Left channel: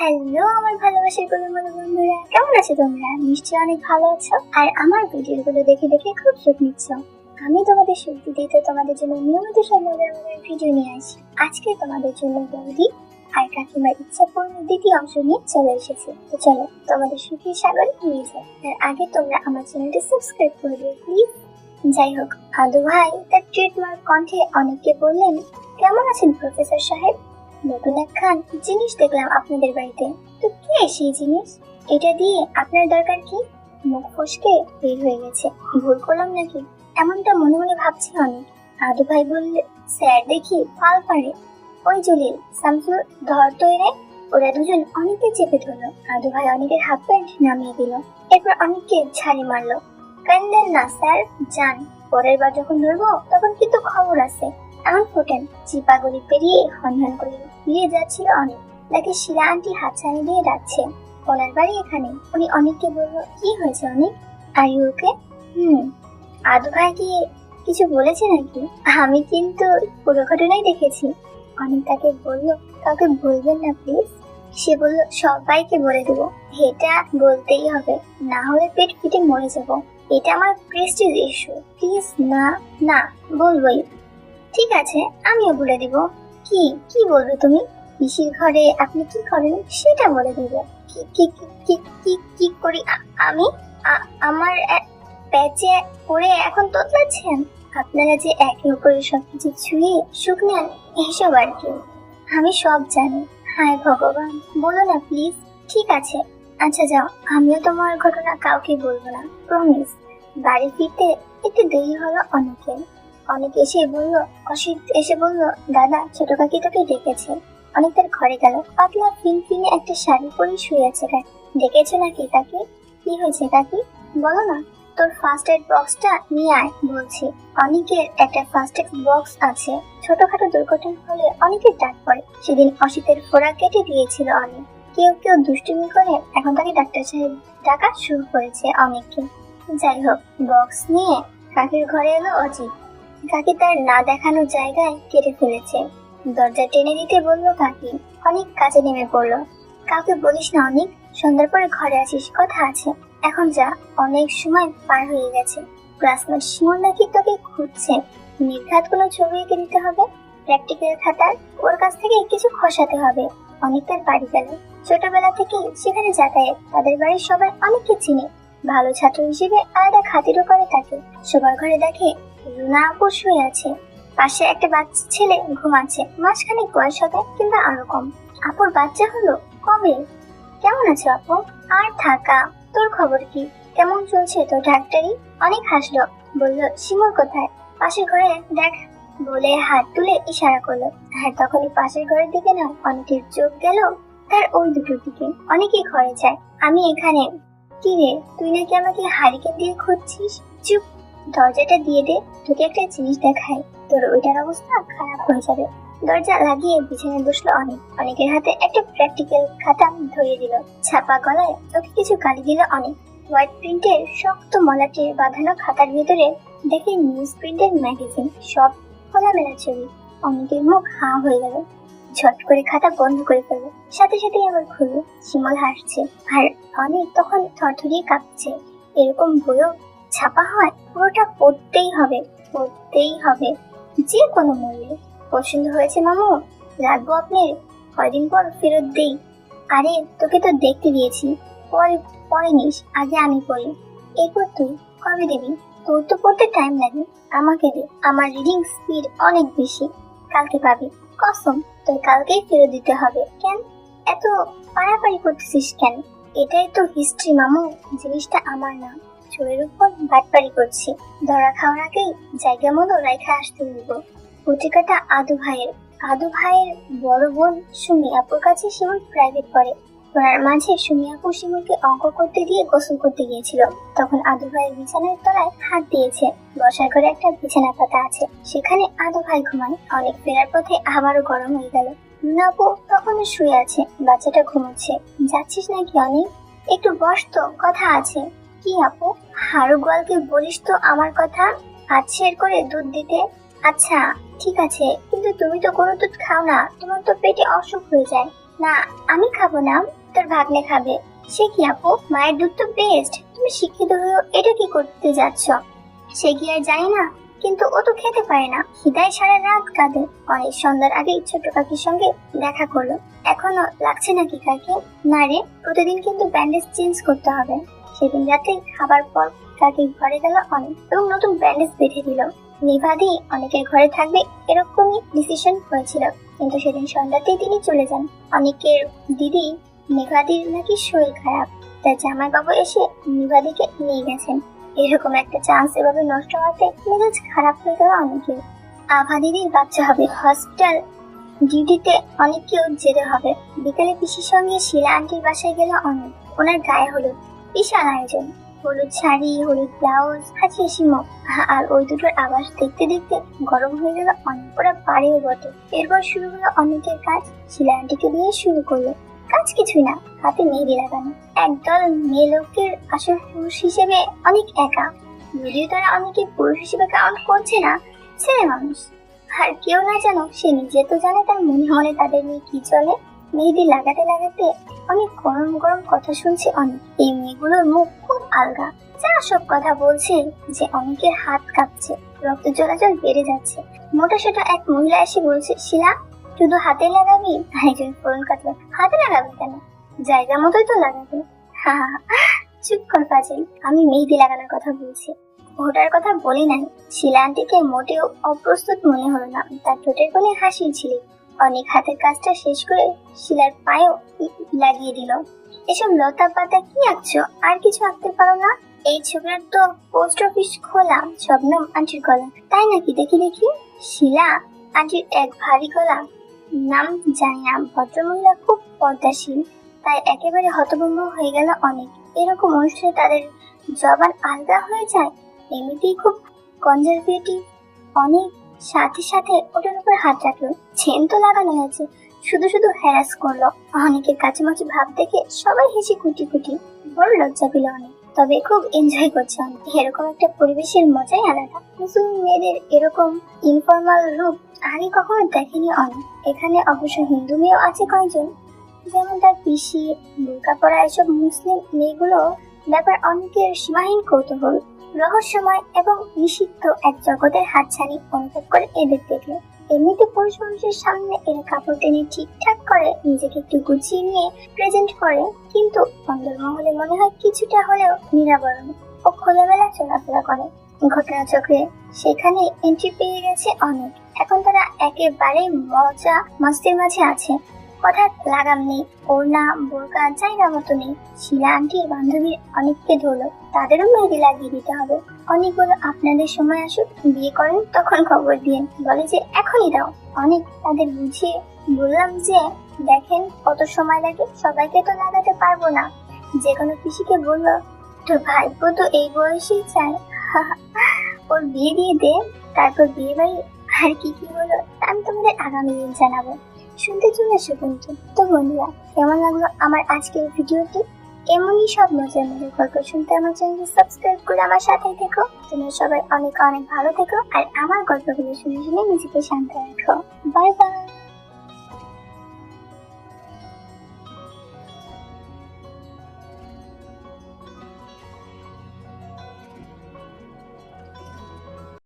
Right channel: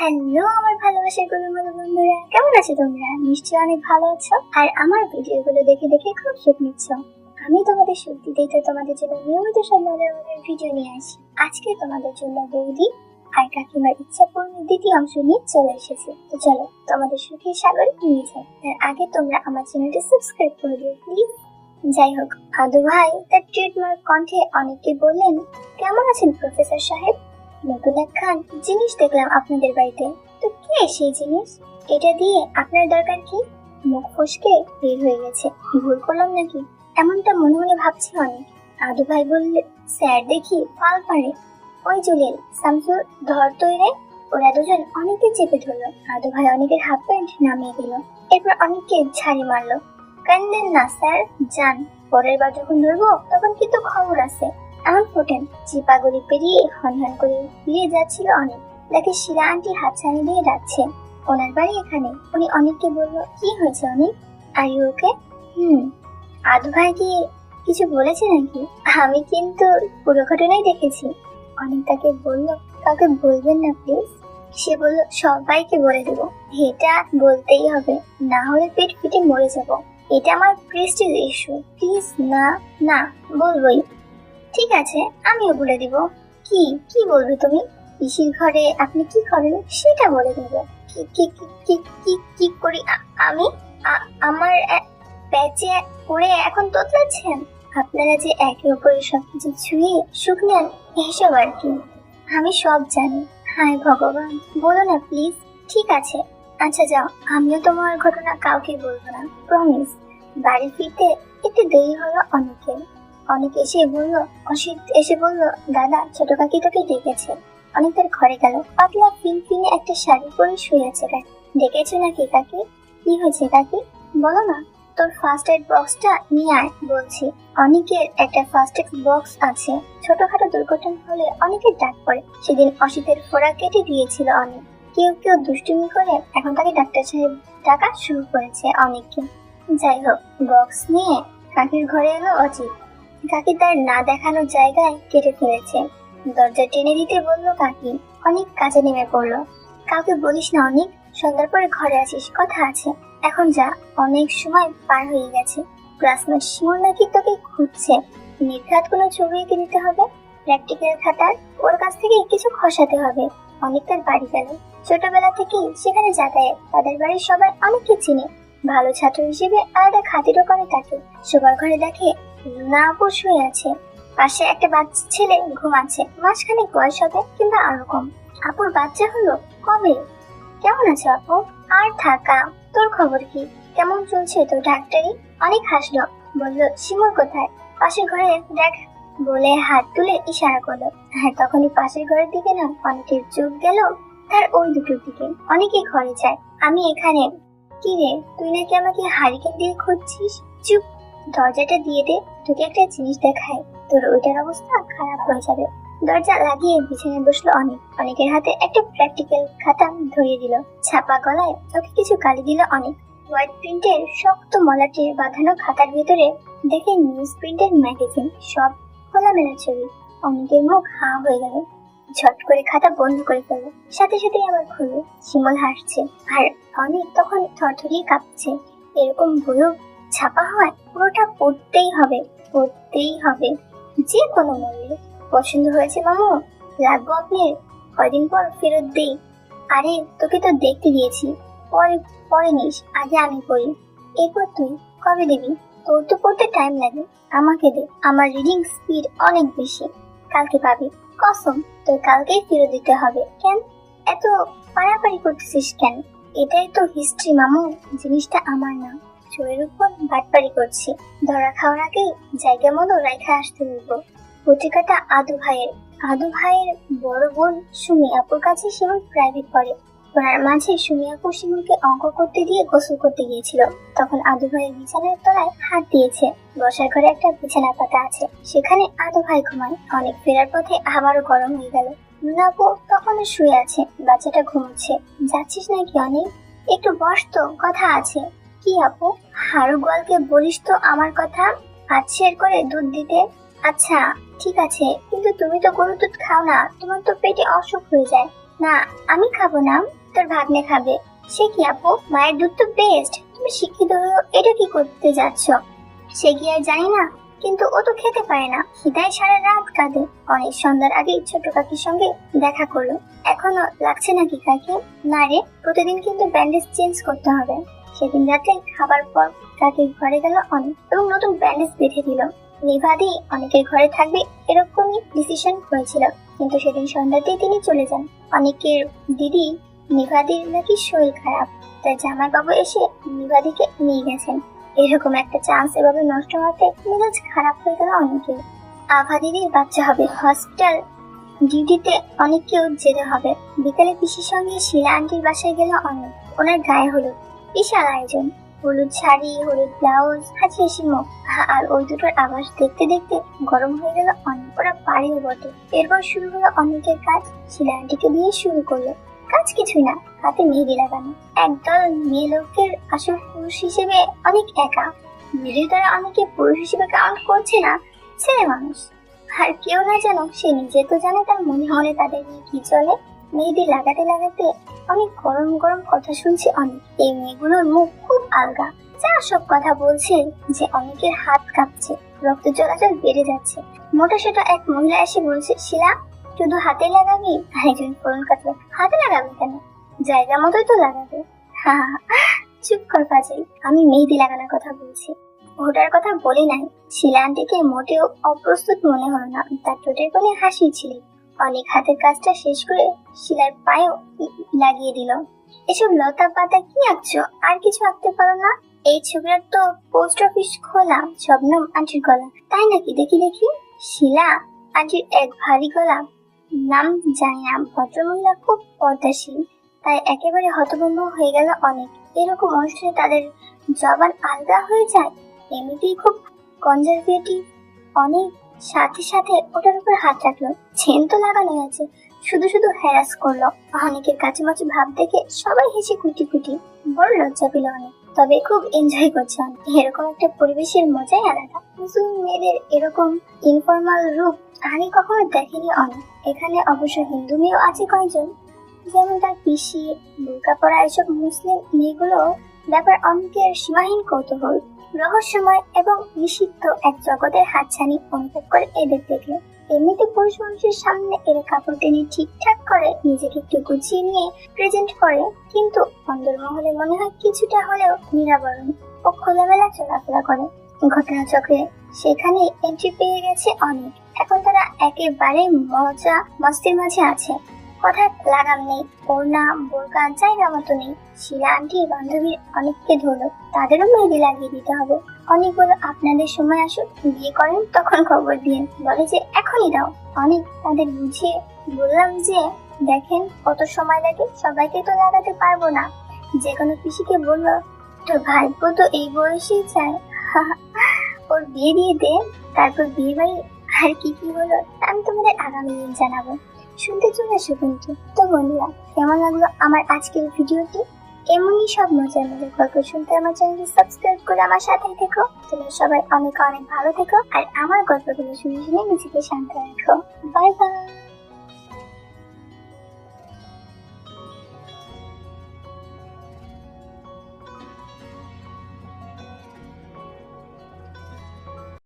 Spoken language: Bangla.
হ্যালো আমার ভালোবাসার গরুমুরু বন্ধুরা, কেমন আছো তোমরা? নিশ্চয়ই অনেক ভালো আছো আর আমার ভিডিওগুলো দেখে দেখে খুব সুখ নিচ্ছ। আমি তোমাদের সুখ দিতেই তো তোমাদের জন্য নিয়মিত সব মজার মজার ভিডিও নিয়ে আসি। আজকে তোমাদের জন্য বৌদি আর কাকিমার ইচ্ছা পূরণের দ্বিতীয় অংশ নিয়ে চলে এসেছি। তো চলো তোমাদের সুখের সাগরে নিয়ে যাই। তার আগে তোমরা আমার চ্যানেলটি সাবস্ক্রাইব করে দিও প্লিজ। যাই হোক, আদু ভাই তার ট্রেডমার্ক কণ্ঠে অনেককে বললেন, কেমন আছেন প্রফেসর সাহেব? নতুন একখান জিনিস দেখলাম আপনাদের বাড়িতে। তো কি সেই জিনিস? এটা দিয়ে আপনার দরকার কি? মুখ ফসকে বের হয়ে গেছে, ভুল করলাম নাকি এমনটা মনে মনে ভাবছি অনেক। আদু ভাই বললে, স্যার দেখি ফাল পারে। ওই জলিল, শামসুর, ধর তৈরে। ওরা দুজন অনেককে চেপে ধরলো। আদু ভাই অনেকের হাফ প্যান্ট নামিয়ে দিল, এরপর অনেককে ঝাড়ি মারলো। কান্দেন না স্যার, যান, পরের বার যখন ধরবো তখন কিন্তু খবর আছে। এমন ফোটেন চিপাগুড়ি পেরিয়ে হনহন করে ফিরে যাচ্ছিল অনেক। তাকে শিলা আন্টি হাতছানি দিয়ে ডাকছেন। ওনার বাড়ি এখানে। উনি অনেককে বললো, কি হয়েছে অনেক, আর ইউ ওকে? আদু ভাই কি কিছু বলেছে নাকি? আমি কিন্তু পুরো ঘটনাই দেখেছি। অনেক তাকে বললো, কাউকে বলবেন না প্লিজ। সে বলল, সবাইকে বলে দেবো। এটা বলতেই হবে, না হলে পেট ফিটে মরে যাবো। এটা আমার প্রেস্টিজ ইস্যু। প্লিজ না। না, বলবোই। ঠিক আছে, আমিও বলে দেব। কি কি বলবে তুমি? পিসির ঘরে আপনি কি করেন সেটা বলে দেব। কি কি কি কি কি কি করি আমি? আমার প্যাচে পড়ে এখন তোতলাচ্ছেন? আপনারা যে একে অপরের সবকিছু ছুঁয়ে সুখ নেন, এসব আর কি। আমি সব জানি। হায় ভগবান, বলো না প্লিজ। ঠিক আছে, আচ্ছা যাও, আমিও তোমার ঘটনা কাউকে বলবো না, প্রমিস। বাড়ি ফিরতে একটু দেরি হলো অনেকের। অনেক এসে বললো, অসিত এসে বললো, দাদা ছোট কাকি তোকে ডেকেছে। অনেক তার ঘরে গেল। পাতলা ফিনফিনে একটা শাড়ি পরে শুয়ে আছে কাকি। ডেকেছো নাকি কাকি? কি হয়েছে কাকি, বলো না। তোর ফার্স্ট এড বক্সটা নিয়ে আয় বলছি। অনেকের একটা ফার্স্ট এড বক্স আছে। ছোটখাটো দুর্ঘটনা হলে অনেকের ডাক পড়ে। সেদিন অসিতের ফোড়া কেটে দিয়েছিল অনেক। কেউ কেউ দুষ্টুমি করে এখন তাকে ডাক্তার সাহেব ডাকা শুরু করেছে অনেককে। যাই হোক, বক্স নিয়ে কাকির ঘরে এলো অজিত। কাকি তার না দেখানো জায়গায় কেটে ফেলেছে। দরজা টেনে দিতে বললো কাকি। অনেক কাজে নেমে পড়লো। কাউকে বলিস না অনেক, সন্ধ্যার পরে ঘরে আসিস, কথা আছে। এখন যা, অনেক সময় পার হয়ে গেছে। ক্লাসমেট শিমুল নাকি তোকে খুঁজছে। নির্ঘাত কোনো ছবি এঁকে দিতে হবে, প্র্যাকটিক্যাল খাতার। ওর কাছ থেকে কিছু খসাতে হবে। অনেক তার বাড়ি গেল। ছোটবেলা থেকেই সেখানে যাতায়াত। তাদের বাড়ির সবাই অনেককে চিনে। ভালো ছাত্র হিসেবে আলাদা খাতিরও করে তাকে। সবার ঘরে দেখে রুনা আপু শুয়ে আছে, পাশে একটা বাচ্চা ছেলে ঘুমাচ্ছে। মাঝখানে বয়স হবে কিংবা আরো কম। আপুর বাচ্চা হলো কবে? কেমন আছো আপু? আর থাকা, তোর খবর কি? কেমন চলছে তোর ডাক্তারি? অনেক হাসলো, বলল, শিমুল কোথায়? পাশের ঘরে দেখ বলে হাত তুলে ইশারা করলো। আর তখনই পাশের ঘরের দিকে না অনেকের চোখ গেল তার ওই দুটোর দিকে। অনেকে ঘরে যায়, আমি এখানে। কি রে, তুই নাকি আমাকে হারিকেন দিয়ে খুঁজছিস? চুপ, দরজাটা দিয়ে দে, তোকে একটা জিনিস দেখাই, তোর ওইটার অবস্থা খারাপ হয়ে যাবে। দরজা লাগিয়ে পিছনে বসলো অনেক। অনেকের হাতে একটা প্র্যাকটিক্যাল খাতা ধরিয়ে দিল। ছাপা গলায় ওকে কিছু কালি দিল অনেক। হোয়াইট প্রিন্টের শক্ত মলাটে বাঁধানো খাতার ভেতরে দেখে নিউজ প্রিন্টের ম্যাগাজিন, সব খোলামেলা ছবি। অনেকের মুখ হা হয়ে গেল। ঝট করে খাতা বন্ধ করে ফেললো, সাথে সাথে আবার খুললো। শিমুল হাসছে আর অনেক তখন থরথরিয়ে কাঁপছে। এরকম বইও ছাপা হয়? পুরোটা পড়তেই হবে, পড়তেই হবে, যে কোনো মূল্যে। পছন্দ হয়েছে মামু? লাগবো আপনি? কয়দিন পর ফেরত দেই। আরে তোকে তো দেখতে দিয়েছি, পরে পরে নিস, আগে আমি পড়ি, এরপর তুই। কবে দিবি? তোর তো পড়তে টাইম লাগে, আমাকে দে, আমার রিডিং স্পিড অনেক বেশি। কালকে পাবি, কসম। তোর কালকেই ফেরত দিতে হবে। কেন এত পাড়াপাড়ি করতেছিস কেন? এটাই তো হিস্ট্রি মামু, জিনিসটা আমার না। চোরের উপর বাটপাড়ি করছি, ধরা খাওয়ার আগেই জায়গা মতো রেখে আসতে হইব। পত্রিকাটা আদু ভাইয়ের। আদু ভাইয়ের বড় বোন সুমি আপুর কাছে শিমুল প্রাইভেট পড়ে। পড়ার মাঝে সুমি আপু শিমুলকে অঙ্ক করতে দিয়ে গোসল করতে গিয়েছিল। তখন আদু ভাইয়ের বিছানার তলায় হাত দিয়েছে। বসার ঘরে একটা বিছানা পাতা আছে, সেখানে আদু ভাই ঘুমায়। অনেক ফেরার পথে আবারও গরম হয়ে গেল। রুনা আপু তখনও শুয়ে আছে, বাচ্চাটা ঘুমোচ্ছে। যাচ্ছিস নাকি অনেক? একটু বস তো, কথা আছে। কি আপু? হারু গোয়ালকে বলিস তো আমার কথা, আচ্ছের করে দুধ দিতে। আচ্ছা ঠিক আছে, কিন্তু তুমি তো গরুর দুধ খাও না, তোমার তো পেটে অসুখ হয়ে যায়। না, আমি খাবো না, তোর ভাগ্নে খাবে। সে কি আপু, মায়ের দুধ তো বেস্ট, তুমি শিক্ষিত হয়েও এটা কি করতে যাচ্ছ? সে কি আর জানি না, কিন্তু ও তো খেতে পারে না, খিদায় সারা রাত কাঁদে। অনেক সন্ধ্যার আগে ছোট কাকির সঙ্গে দেখা করলো। এখনো লাগছে নাকি কাকি? না রে, প্রতিদিন কিন্তু ব্যান্ডেজ চেঞ্জ করতে হবে। সেদিন রাতে খাবার পর কাকির ঘরে গেল অনেক এবং নতুন ব্যান্ডেজ বেঁধে দিল। নিভাদি অনেকের ঘরে থাকবে এরকমই ডিসিশন হয়েছিল, কিন্তু সেদিন সন্ধ্যাতেই তিনি চলে যান। অনেকের দিদি নিভাদির নাকি শরীর খারাপ, তাই জামাইবাবু এসে নিভাদিকে নিয়ে গেছেন। এরকম একটা চান্স এভাবে নষ্ট হতে মেজাজ খারাপ হয়ে গেল অনেকের। আভা দিদির বাচ্চা হবে, হসপিটাল ডিউটিতে অনেককেও যেতে হবে। বিকালে পিসির সঙ্গে শিলা আন্টির বাসায় গেল অনেক। ওনার গায়ে হলুদ, বিশাল আয়োজন। হলুদ শাড়ি, হলুদ ব্লাউজ, হাসি হাসি মুখ। আর ওই দুটোর আবাস দেখতে দেখতে গরম হয়ে গেল অনেক। ওরা পারেও বটে। এরপর শুরু হলো অনেকের কাজ। শিলা আন্টিকে দিয়ে শুরু করলো। কাজ কিছুই না, হাতে মেহেদি লাগানো। একদল মেয়ে লোকের আসল পুরুষ হিসেবে অনেক একা। যদিও তারা অনেকে পুরুষ হিসেবে কাউন্ট করছে না, ছেলে মানুষ। আর কেউ না জানো, সে নিজে তো জানে তার মনে মনে তাদের নিয়ে কি চলে। মেহেদি লাগাতে লাগাতে অনেক গরম গরম কথা শুনছে অনেক। এই মেয়েগুলোর মুখ খুব আলগা, যা সব কথা বলছে যে অনেকের হাত কাঁপছে, রক্ত চলাচল বেড়ে যাচ্ছে। মোটা সোটা এক মহিলা এসে বলছে, শিলা শুধু হাতে লাগাবি? একজন ফোন কাটলো, হাতে লাগাবি কেন? জায়গা মতোই তো লাগাবে। চুপ কর ফাজিল, আমি মেহেদি লাগানোর কথা বলছি। ওটার কথা বলি নাই। শিলা আন্টিকে মোটেও অপ্রস্তুত মনে হলো না, তার ঠোঁটের কোণে হাসি ছিল। অনেক হাতের কাজটা শেষ করে শিলার পায়েও লাগিয়ে দিল। এসব লতা পাতা কি আঁকছো? আর কিছু আঁকতে পারো না? এই ছবির তো পোস্ট অফিস খোলা, শবনম আন্টির গলা। তাই নাকি? দেখি দেখি। শিলা আন্টির এক ভারী গলা। নাম জানি না, ভদ্রমহিলা খুব পর্দাশীল, তাই একেবারে হতভম্ব হয়ে গেল অনেক। এরকম অনুষ্ঠানে তাদের জবান আলাদা হয়ে যায়। এমনিতেই খুব কনজারভেটিভ। অনেক সাথে সাথে ওটার উপর হাত রাখলো। চেন তো লাগানো হয়েছে, শুধু শুধু হ্যারাস করলো। অনেকের কাছামাছি ভাব দেখে সবাই হেসে কুটি কুটি। বড় লজ্জা পেল অনেক, তবে খুব এনজয় করছে অনেক। এরকম একটা পরিবেশের মজাই আলাদা। মুসলিম মেয়েদের এরকম ইনফর্মাল রূপ আগে কখনো দেখেনি অনেক। এখানে অবশ্য হিন্দু মেয়েও আছে কয়েকজন, যেমন তার পিসি, বোরকা পরা। এসব মুসলিম মেয়েগুলো ব্যাপার অনেকের সীমাহীন কৌতূহল, রহস্যময় এবং নিষিদ্ধ এক জগতের হাতছানি অনুভব করে এদের দেখলে। এমনিতে পুরুষ মানুষের সামনে এরা কাপড় টেনে ঠিকঠাক করে নিজেকে একটু গুছিয়ে নিয়ে প্রেজেন্ট করে, কিন্তু অন্দরমহলে মনে হয় কিছুটা হলেও নিরাবরণ ও খোলামেলা চলাফেরা করে। ঘটনাচক্রে সেখানে এন্ট্রি পেয়ে গেছে অনেক। এখন তারা একেবারে মজা মস্তির মাঝে আছে। কোথায় লাগাম নেই, ওড়না বোরকা জায়গা মতো নেই। শিলা আন্টি বান্ধবীর অনেককে ধরলো, তাদেরও মেহেদি লাগিয়ে দিতে হবে। অনেক বলো, আপনাদের সময় আসুক, বিয়ে করেন তখন খবর দিন। বলে যে এখনই দাও। অনেক তাদের বুঝিয়ে বললাম যে দেখেন কত সময় লাগে, সবাইকে তো লাগাতে পারবো না। যে কোনো পিসিকে বললো, তোর ভাইপো তো এই বয়সেই চায়, ওর বিয়ে দিয়ে দে। তারপর বিয়ে বাড়ি আর কি কি হলো আমি তোমাদের আগামী দিন জানাবো। শুনতে চলে এসো কিন্তু। তো বন্ধুরা, কেমন লাগলো আমার আজকের ভিডিওটি? এমনই সব মজার মজার গল্প শুনতে আমার চ্যানেলটি সাবস্ক্রাইব করে আমার সাথেই থেকো। তোমরা সবাই অনেক অনেক ভালো থেকো, আর আমার গল্পগুলো শুনে শুনে নিজেকে শান্ত রাখো। Bye bye.